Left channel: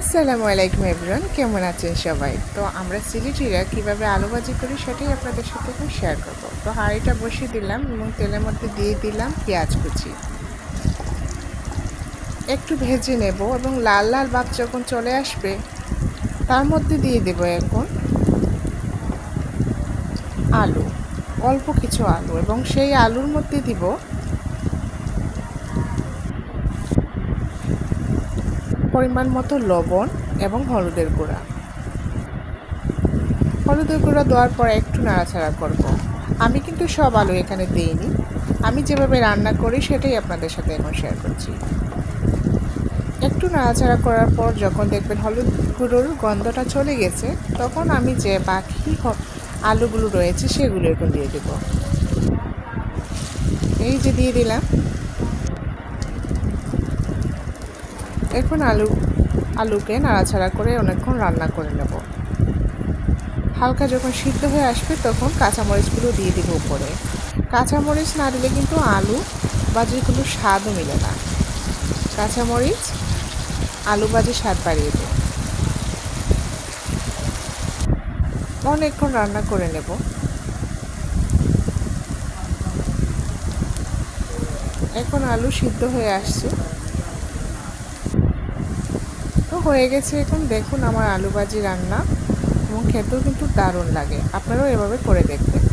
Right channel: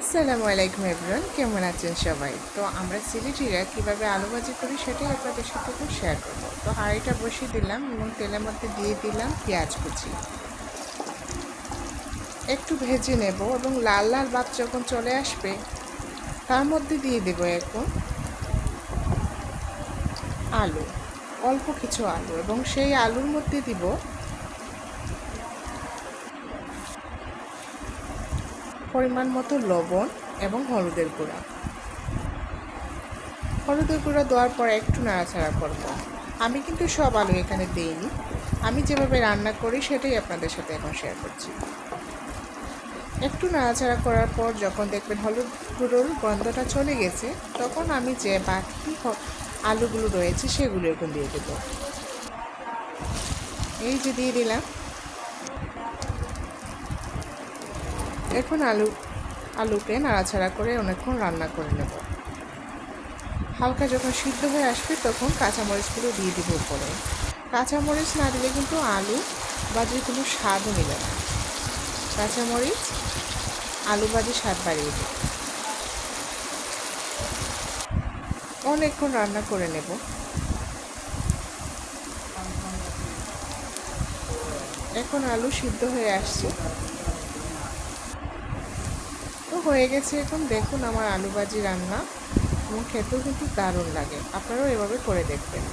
আসসালামু আলাইকুম এভরিওয়ান, কেমন আছেন সবাই? তো আমরা সিলেটিরা কীভাবে আলু ভাজি করি সেটাই আপনাদের সাথে একটু শেয়ার করব। তো হাঁড়িটা বসিয়ে দিলাম এবং তেলের মধ্যে দিয়ে দিলাম পেঁয়াজ কুচি। একটু ভেজে নেব এবং লাল লাল ভাব যখন চলে আসবে তার মধ্যে দিয়ে দেব এখন আলু, অল্প কিছু আলু, এবং সেই আলুর মধ্যে দিব পরিমাণ মতো লবণ এবং হলুদের গুঁড়া। হলুদের গুঁড়ো দেওয়ার পর একটু নাড়াচাড়া করব। আমি কিন্তু সব আলু এখানে দিইনি, আমি যেভাবে রান্না করি সেটাই আপনাদের সাথে এখন শেয়ার করছি। একটু নাড়াচাড়া করার পর যখন দেখবেন হলুদ গুঁড়োর গন্ধটা চলে গেছে, তখন আমি যে বাকি আলুগুলো রয়েছে সেগুলো এখন দিয়ে দেব। এই যে দিয়ে দিলাম। এখন আলুকে নাড়াচাড়া করে অনেকক্ষণ রান্না করে নেব। হালকা যখন সিদ্ধ হয়ে আসবে তখন কাঁচামরিচগুলো দিয়ে দেবো উপরে। কাঁচামরিচ না দিলে কিন্তু আলু ভাজিগুলো স্বাদও মিলে না। কাঁচামরিচ আলু ভাজির স্বাদ বাড়িয়ে দেবে। অনেকক্ষণ রান্না করে নেব। এখন আলু সিদ্ধ হয়ে আসছে, তো হয়ে গেছে। এখন দেখুন আমার আলু ভাজি রান্না, এবং খেতেও কিন্তু দারুণ লাগে। আপনারাও এভাবে করে দেখবেন।